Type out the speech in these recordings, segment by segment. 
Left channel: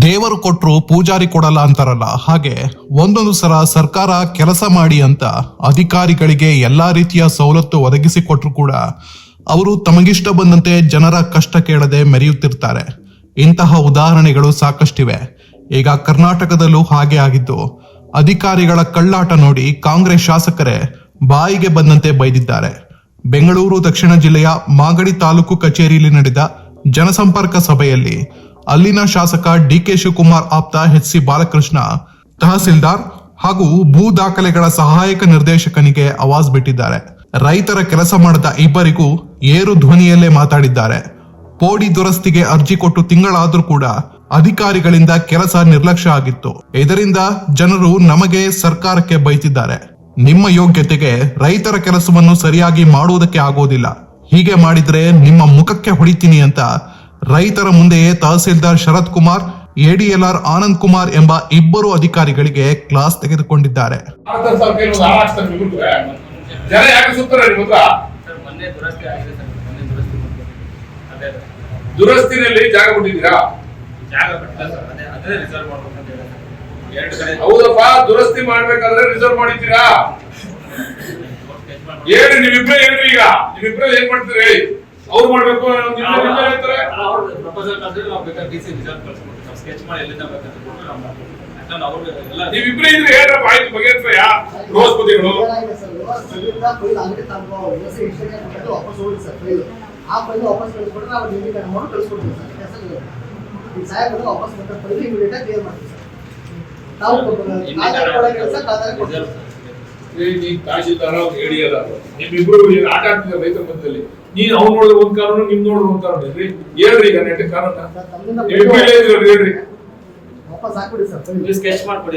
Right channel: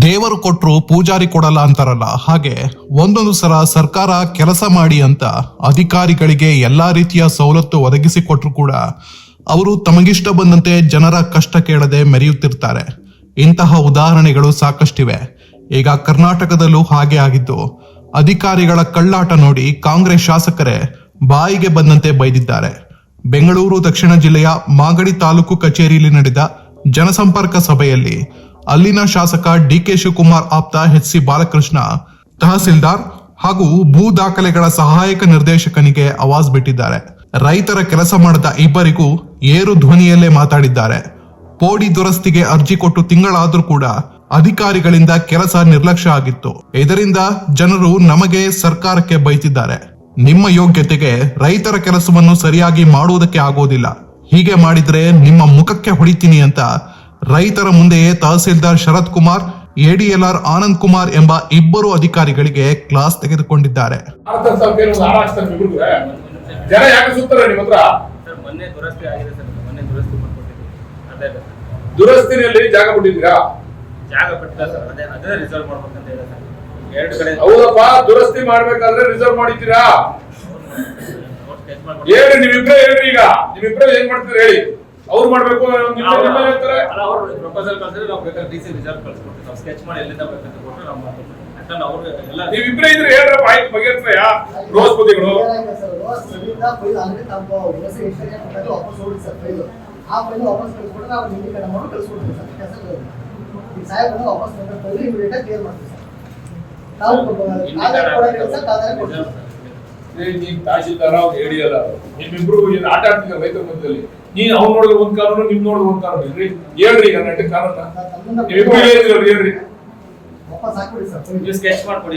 ದೇವರು ಕೊಟ್ಟರು ಪೂಜಾರಿ ಕೊಡಲ್ಲ ಅಂತಾರಲ್ಲ, ಹಾಗೆ ಒಂದೊಂದು ಸಲ ಸರ್ಕಾರ ಕೆಲಸ ಮಾಡಿ ಅಂತ ಅಧಿಕಾರಿಗಳಿಗೆ ಎಲ್ಲಾ ರೀತಿಯ ಸವಲತ್ತು ಒದಗಿಸಿ ಕೊಟ್ರು ಕೂಡ ಅವರು ತಮಗಿಷ್ಟ ಬಂದಂತೆ ಜನರ ಕಷ್ಟ ಕೇಳದೆ ಮೆರೆಯುತ್ತಿರ್ತಾರೆ. ಇಂತಹ ಉದಾಹರಣೆಗಳು ಸಾಕಷ್ಟಿವೆ. ಈಗ ಕರ್ನಾಟಕದಲ್ಲೂ ಹಾಗೆ ಆಗಿದ್ದು, ಅಧಿಕಾರಿಗಳ ಕಳ್ಳಾಟ ನೋಡಿ ಕಾಂಗ್ರೆಸ್ ಶಾಸಕರೇ ಬಾಯಿಗೆ ಬಂದಂತೆ ಬೈದಿದ್ದಾರೆ. ಬೆಂಗಳೂರು, ದಕ್ಷಿಣ ಜಿಲ್ಲೆಯ ಮಾಗಡಿ ತಾಲೂಕು ಕಚೇರಿಯಲ್ಲಿ ನಡೆದ ಜನಸಂಪರ್ಕ ಸಭೆಯಲ್ಲಿ ಅಲ್ಲಿನ ಶಾಸಕ ಡಿಕೆ ಶಿವಕುಮಾರ್ ಆಪ್ತ ಎಚ್ ಸಿ ಬಾಲಕೃಷ್ಣ, ತಹಸೀಲ್ದಾರ್ ಹಾಗೂ ಭೂ ದಾಖಲೆಗಳ ಸಹಾಯಕ ನಿರ್ದೇಶಕನಿಗೆ ಅವಾಜ್ ಬಿಟ್ಟಿದ್ದಾರೆ. ರೈತರ ಕೆಲಸ ಮಾಡದ ಇಬ್ಬರಿಗೂ ಏರು ಧ್ವನಿಯಲ್ಲೇ ಮಾತಾಡಿದ್ದಾರೆ. ಪೋಡಿ ದುರಸ್ತಿಗೆ ಅರ್ಜಿ ಕೊಟ್ಟು ತಿಂಗಳಾದ್ರೂ ಕೂಡ ಅಧಿಕಾರಿಗಳಿಂದ ಕೆಲಸ ನಿರ್ಲಕ್ಷ್ಯ ಆಗಿತ್ತು. ಇದರಿಂದ ಜನರು ನಮಗೆ ಸರ್ಕಾರಕ್ಕೆ ಬೈತಿದ್ದಾರೆ. ನಿಮ್ಮ ಯೋಗ್ಯತೆಗೆ ರೈತರ ಕೆಲಸವನ್ನು ಸರಿಯಾಗಿ ಮಾಡುವುದಕ್ಕೆ ಆಗೋದಿಲ್ಲ. ಹೀಗೆ ಮಾಡಿದ್ರೆ ನಿಮ್ಮ ಮುಖಕ್ಕೆ ಹೊಡಿತೀನಿ ಅಂತ ರೈತರ ಮುಂದೆಯೇ ತಹಸೀಲ್ದಾರ್ ಶರತ್ ಕುಮಾರ್ ಎಡಿಎಲ್ಆರ್ ಆನಂದ್ ಕುಮಾರ್ ಎಂಬ ಇಬ್ಬರು ಅಧಿಕಾರಿಗಳಿಗೆ ಕ್ಲಾಸ್ ತೆಗೆದುಕೊಂಡಿದ್ದಾರೆ. ದುರಸ್ತಿನಲ್ಲಿ ಜಾಗ ಹೌದಪ್ಪ, ದುರಸ್ತಿ ಮಾಡ್ಬೇಕಾದ್ರೆ ರಿಸರ್ವ್ ಮಾಡಿದ್ದೀರಾ? ಹೇಳಿ ಹೇಳ್ರಿ ಈಗ. ಏನ್ ಮಾಡ್ತೀರಿ? ಹೇಳಿ ಅವ್ರು ಮಾಡಬೇಕು ಪ್ರಪೋಸಲ್ ಕಳ್ಸಿದ್ರೆ ನಾವು ಬೇಕಾದ್ರೆ ಡಿ ಸಿ ಕಳ್ಸ್ಕೊಡ್ತೀವಿ. ನಾವು ಸ್ಕೆಚ್ ಮಾಡಿ ಎಲ್ಲಿಂದ ಬೇಕಂತ ಕೊಟ್ಟರೆ ನಾವು ಮಾಡ್ಕೊಡ್ತೀವಿ. ಯಾಕಂದ್ರೆ ಅವರು ಎಲ್ಲ ನೀವಿಬ್ರೇ ಇದ್ರೆ ಹೇಳ್ರಪ್ಪ ಆಯ್ತು ಬಗೆಹರಿಸ್ರಯ್ಯ. ರೋಸ್ ಬದಿಗಳು ತಾವು ವಾಪಸ್ ಹೋಗಿ ಸರ್ ಫೈಲ್ ಆ ಫೈಲ್ ವಾಪಸ್ ಕಳಿಸ್ಬಿಟ್ರೆ ನಾವು ಮೇಡಮ್ ಅವರು ಕಳಿಸ್ಕೊಡ್ತೀವಿ ಸರ್ ಕೆಲಸ ಈ ಸಾಹೇಬರು ವಾಪಸ್ ಬಂದ ಫೈಲ್ ಇಮಿಡಿಯೇಟ್ ಆಗಿ ಕ್ಲಿಯರ್ ಮಾಡ್ತೀವಿ ಸರ್ ನಾವು ಕೆಲಸ ಕಾಗದ ಕೊಡ್ತೀವಿ. ತಹಶೀಲ್ದಾರ ಅವ್ರು ಹೇಳಿಯಲ್ಲ ನಿಮ್ಮಿಬ್ರು ಏನ್ ಆಟ ಆಡ್ತಿದ್ದಾರೆ ರೈತರ ಮಧ್ಯದಲ್ಲಿ. ನೀನ್ ಅವ್ನು ನೋಡಿದ್ರೆ ಒಂದ್ ಕಾನೂನು ನಿಮ್ ನೋಡಿದ್ರೆ ಒಂದ್ ಕಾನೂನು. ಇಲ್ರಿ ಹೇಳ್ರಿ ಈಗ ನೆಟ್ಟ ಕಾನೂನ. ಇಬ್ರು ಇಲ್ಲ ಇದ್ರಲ್ರಿ ಹೇಳ್ರಿ. ಸ್ಕೆಚ್ ಮಾಡ್ಕೊಡಿ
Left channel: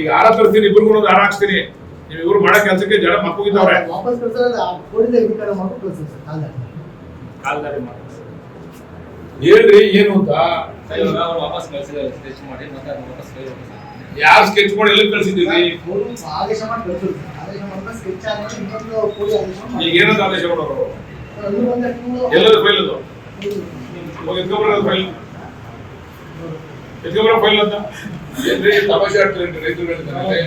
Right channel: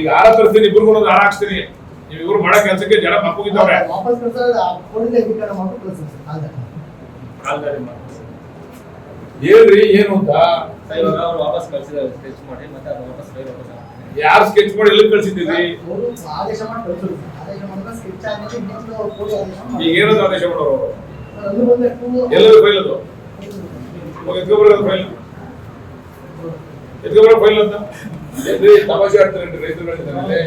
ಈಗ ಹಾರ ತರ್ತೀನಿ ಇಬ್ರು ಒಂದು ಹಾರ ಹಾಕ್ಸ್ತೀನಿ. ನೀವು ಇವ್ರು ಮಾಡೋ ಕೆಲಸಕ್ಕೆ ಜನ ಮಕ್ಕಳಿದ್ದಾರೆ ಹೇಳ್ರಿ ಏನು ಅಂತ? ವಾಪಸ್ ಕಳ್ಸಿದ್ದಾರೆ ಸ್ಕೆಚ್ ಮಾಡಿ ಮತ್ತೆ ಅದನ್ನ ವಾಪಸ್ ಕೈ ವಾಪಸ್ ಹಾಕ್ತೀನಿ. ಯಾರು ಸ್ಕೆಚ್ ಮಾಡಿ ಎಲ್ಲಿ ಕಳಿಸಿದ್ದೀವಿ ಅವರು ಆದೇಶ ಮಾಡಿ ಕಳಿಸಿದ್ರು. ಆದೇಶ ಮಾಡಿದ್ರೆ ಸ್ಕೆಚ್ ಆದ್ಮೇಲೆ ಇನ್ನೊಂದು ಕೋಡಿ ಆದೇಶ ಮಾಡಿ. ಈಗ ಏನಂತ ಆದೇಶ ಮಾಡೋರು? ಅವರು ಬಂದೆ ಎಲ್ಲದು ಫೈಲ್ ಅದು? ಎತ್ಕೊಬರೋದು ಫೈಲ್ ಎತ್ಕೊಬರೋ ಫೈಲ್ ಅಂತ ಏನ್ರಿ ತಮಾಷೆ ಆಡ್ತಾರೆ ರೈತರುಗಳಿಗೆ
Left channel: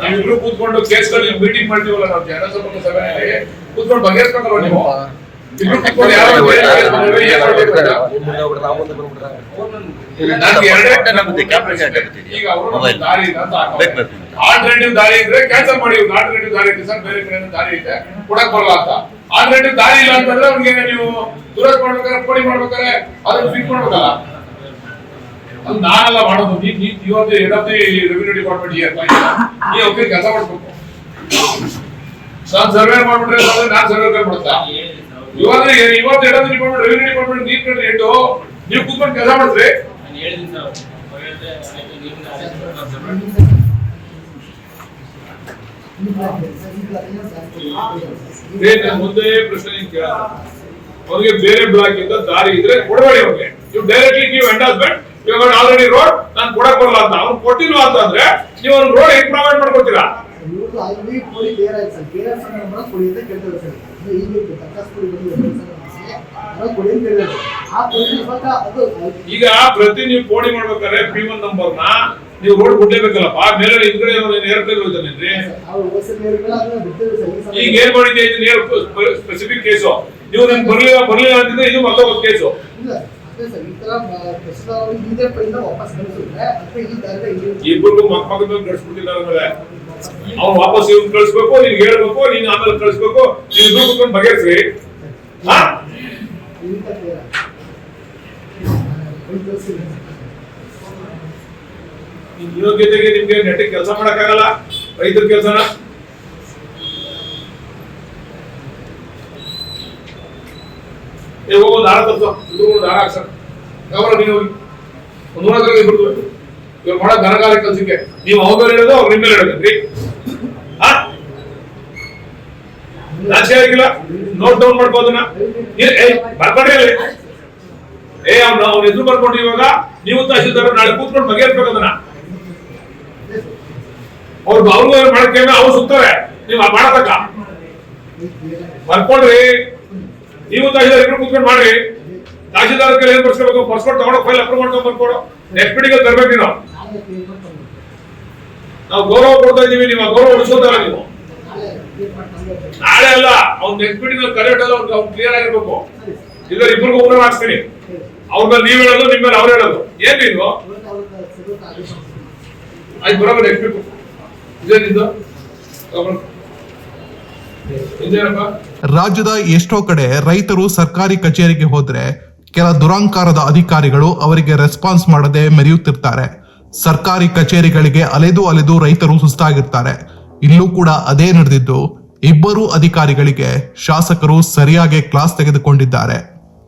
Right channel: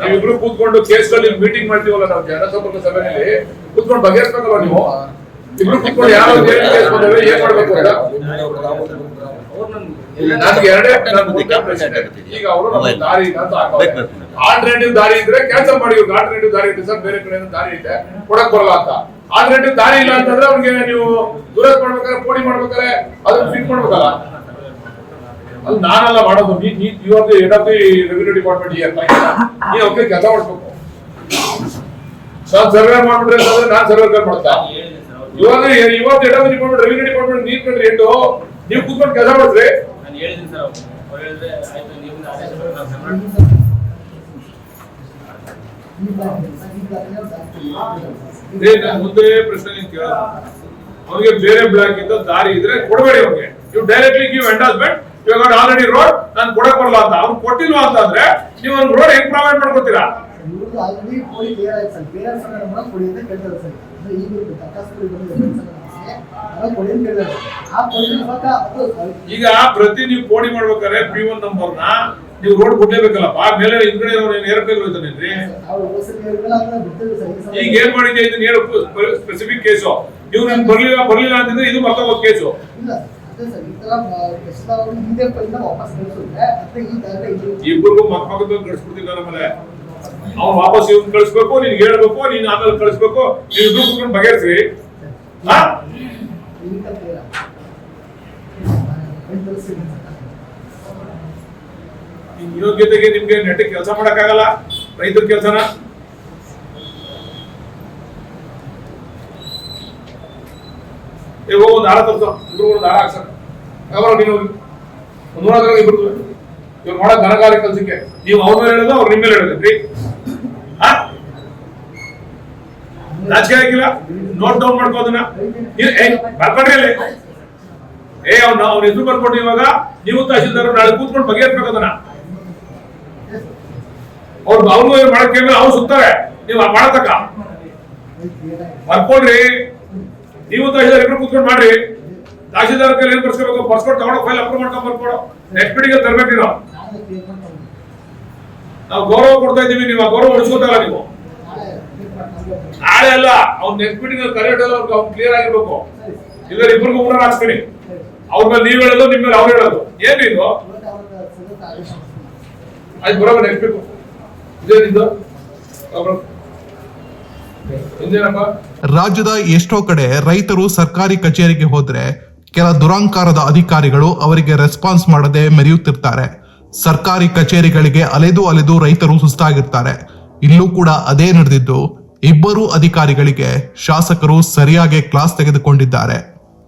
ನೀವಿಬ್ರು ಕೂತ್ಕೊಂಡು ಕೇಸ್ಗಳಲ್ಲಿ ಮೀಟಿಂಗ್ ಮಾಡ್ತೀವಲ್ಲ ನಾವು ಜನಸಂಪರ್ಕ ಸಭೆಯಲ್ಲಿ ಕೂತ್ಕೊಂಡು ಬಗೆಹರಿಸ್ಬೇಕಲ್ವ ನೀವು? ಆಲ್ಟರ್ನೇಟಿವ್ ದಾರಿ ಇದ್ರೆ ಕ್ಯಾನ್ಸಲ್ ಮಾಡಿ ಆಲ್ಟರ್ನೇಟಿವ್ ದಾರಿ ಇದೆ ಸರ್ ಬೇರೆ ಕಡೆ ದಾರಿ ಇದೆ. ಕೊಡಕ್ ಬರಲ್ಲ ಅಂತ. ಆಲ್ಟರ್ನೇಟಿವ್ ದಾರಿ ಇಲ್ಲ ಅಂತಂದ್ರೆ ಅವ್ರಿಗೆ ನೀವು ದುರಸ್ತ್ ಮಾಡ್ಬೇಕಾದ್ರೆ ಪೋಡಿ ಮಾಡ್ಬೇಕಾದ್ರೆ ಅದನ್ನ ಫಿಕ್ಸ್ ಮಾಡ್ಬೇಕಲ್ಲ? ಅದು ನಾನೆಲ್ಲ ಮಾಡೋದು. ಇವತ್ತು head of the revenue department year ನೀ ಒಬ್ಬರಿಗೆ ಕೆಲಸ ಮಾಡ್ಬೇಕು ನಾನು ಸರ್ವೆ ಮಾಡ್ಬಿಟ್ರೆ ನಾನು ಸರ್ವೆ ಮಾಡ್ತಾ? ಇವಾಗ ಇವತ್ತು ರವಿ ಡಿಪಾರ್ಟ್ಮೆಂಟ್ ರೆವಿನ್ಯೂ ಡಿಪಾರ್ಟ್ಮೆಂಟ್ ನೀರ್ ಕಂಡ್ರಿ ಹೆಡ್ಡು ನೀವು ಕೂತ್ಕೊಂಡು ಕೆಲಸ ಮಾಡಿದ್ರೆ ನಾನು ಹೇಳಿದ್ದೀನಿ ಸರ್ ಅವ್ರು ಹೇಳಿದ್ರೆ ಆಯ್ತು ಆದೇಶ ಸರ್, ನಾನು ಒಂದೇ ಪ್ರಶ್ನೆ ನಿಮ್ಗೆ ಕೇಳೋದು ಅವ್ರಿಗೆ ಬೇರೆ ಬ್ಲಾಕ್ ಇಂದ ದಾರಿ ಇದ್ರೆ ಕೊಡಬೇಡಿ ಅವ್ರಿಗೆ ನೀವು ಡೈರೆಕ್ಟ್ಲಿ ಗಿವ್ ಎಂಡಾಸ್ಮೆಂಟ್ ಇವಾಗ ಆಲ್ರೆಡಿ ರೋಡ್ ನಾನು ಕೊಡಕ್ ಬರಲ್ಲ ಅಂತ. ಅವ್ನು ಕೊಟ್ಟಿಲ್ವಾ ಅಂತ ಅಂದ್ರೆ ನೀವು ರೋಡ್ ಹೆಂಗ್ ಪ್ರೊವೈಡ್ ಮಾಡ್ಕೊಡ್ತೀರಾ ಈಗ ಪ್ರತಿ ನೀವು ಕೋಡಿ ಮಾಡ್ಬೇಕಾದ್ರೆ ಪಿ ಒನ್ ನಂಬರ್ನ ನೀವು ರೋಡ್ ಬಿಡ್ಲೇಬೇಕಲ್ಲಪ್ಪ. ಮೇಲೆ ಹಿಂದ್ಗಡೆ ಸಲ ಈಗ ಏನ್ ಮಾಡಿದ್ಯಾ ಇದನ್ನ ಸ್ಪೆಸಿಫಿಕ್ ಕೇಸು ನೀವು ನನ್ ಬರ್ಲಿಲ್ಲ ಬರ್ಲಿಲ್ಲ ಅಂತಿದ್ರೆ ಇದು ಮತ್ತೊಬ್ಬ ಕೇಸು ಇಬ್ಬರಿಗೂ ಮಕ್ ಮಗದ ಮೇಲೆ ಆಮೇಲೆ ಅವ್ನು ವಾಪಸ್ ಇವ್ನು ಕಳಿಸ್ಬೇಕು, ನೀನ್ ಹೇಳ್ಬೇಕು, ನೀನ್ ಆಮೇಲೆ ಕಳಿಸ್ಬೇಕು, ನೀನ್ ಕುತ್ಕೊಂಡು ಬಗೆಹರಿಸ್ರಿ. ನಿಮ್ ಯೋಗ್ಯತೆಗೆ ನಿಮ್ಗೆ ನೆಟ್ಟಿಗೆ ಕೆಲಸ ಮಾಡಕ್ಕಾಗಲ್ಲ ರೈತರ ಕೆಲಸನ. ಹೋಗಿ ಒಂದು ಹಾರ ತರ್ಸೋ. ಇಬ್ರು ಒಂದು ಹಾರ ಹಾಕ್ಸಣ ನೀನು ಹೋಗಿ. ಒಂದು ನೂರ ಇಬ್ರು ಇವ್ರು ಬಹಳ ಘನಗಾರ ಕೆಲಸಕ್ಕೆ. ನೀವು ಅವ್ರ ಮೇಲೆ ಹೇಳೋದು ಅವ್ರು ನಿಮ್ಮ ಮೇಲೆ ಹೇಳಬೇಕ್ರಿ ನಾಚಿಕೆ ಆಗಿಲ್ಲ ನೋಟ್ ಡೌನ್ ಮಾಡ್ಕೋದನ್ನ ಬರ್ಕೊಂಡ್ರಿ ಅಲ್ಲಿ ಏ, ಅವ್ನು ಅವ್ರ ಎದುರು ಬರ್ಕೊಂಡ್ರಿ ಇವಾಗ. ನೀವು ತಹಶೀಲ್ದಾರ್, ನಾಳೆ ಕೂತ್ಕೊಂಡು ಬಗೆಹರಿಸ್ಬೇಕು ಅದನ್ನ. ಅವ್ರು ಅವ್ರಿಗೂ ಏನ್ ಮಾಡಕ್ಕೆ ಅವ್ರು ಸುತ್ತಾರೆ. ನೀವು ಮಾಡತಕ್ಕ. ಬರ್ಕೊಳ್ರಿ ನೀವು ತಹಶೀಲ್ದಾರ್ ಇಬ್ರು ಕೂತ್ಕೊಂಡು ಮಾಡ್ರಿ. ತಹಶೀಲ್ದಾರ್ ಕೈಲಿ ಏನ್ ಬರ್ಸ್ಕೋಬೇಕು ಪಾಸ್ಪೋರ್ಟ್ ತಗೊಂಡು ಫೈಲ್ ಅಪ್ರೂವ್ ಮಾಡ್ಕೊಂಡ್ ಬರ್ಕೊಡು. ನೆಕ್ಸ್ಟ್ ಮೀಟಿಂಗ್ ತರಬೇಕು ನೀವು ಗೌರವ ಕೊಡ್ತಾ ಇದೀವಿ ನೀವು ಗೌರವ ಉಳಿಸೋದಲ್ಲ ನೀವು. ನಾಳೆ ಅಲ್ಲ, ಅವ್ನ ನೆಕ್ಸ್ಟ್ ಮೀಟಿಂಗ್ ಕರೆಕ್ಟ್ ಅಲ್ಲ ಅವ್ನು ಕ್ಲಿಯರ್ ಆಗಿರ್ಬೇಕು. ಇಲ್ಲ ಇಬ್ಬರಿಗೂ ಹಾಕ್ತೀನಿ ಸರಿ. ಅವ್ರ ಮೇಲೆ ನೀವ್ ಹೇಳೋದು ನಿಮ್ಮ ಮೇಲೆ ಅವ್ರು ಹೇಳೋದು. ಏನ್ ಇದು? ಅವ್ರಿಗೆ. ಆಯ್ತು ಬರೋಬರ್ ನೆಕ್ಸ್ಟ್ ಬಿಟ್ಟು ಇದೇನಿದ್ದು ರಾಜ್ಯದ ಎಷ್ಟೋ ಕಡೆ ರೈತರು ಸರ್ಕಾರಿ ಕಚೇರಿಗೆ ಹೋದ್ರೆ ಕೆಲ ದುರಂಕಾರದ ಅಧಿಕಾರಿಗಳು ಅವರಿಗೆ ರೆಸ್ಪಾನ್ಸ್ ಮಾಡದೆ ಮೆರೆಯುತ್ತಿರ್ತಾರೆ. ಸರ್ಕಾರಿ ಕಚೇರಿಗಳಿಗೆ ಅಲೆದು ಅಲೆದು ರೈತರು ಸುಸ್ತಾಗಿರ್ತಾರೆ. ಇಲ್ಲೂ ಕೂಡ ಅದೇ ನಡೆದಿದ್ದು, ಇಬ್ಬರು ಅಧಿಕಾರಿಗಳಿಗೆ ಶಾಸಕರು ಸರಿಯಾಗಿ ಕ್ಲಾಸ್ ತೆಗೆದುಕೊಂಡಿದ್ದಾರೆ.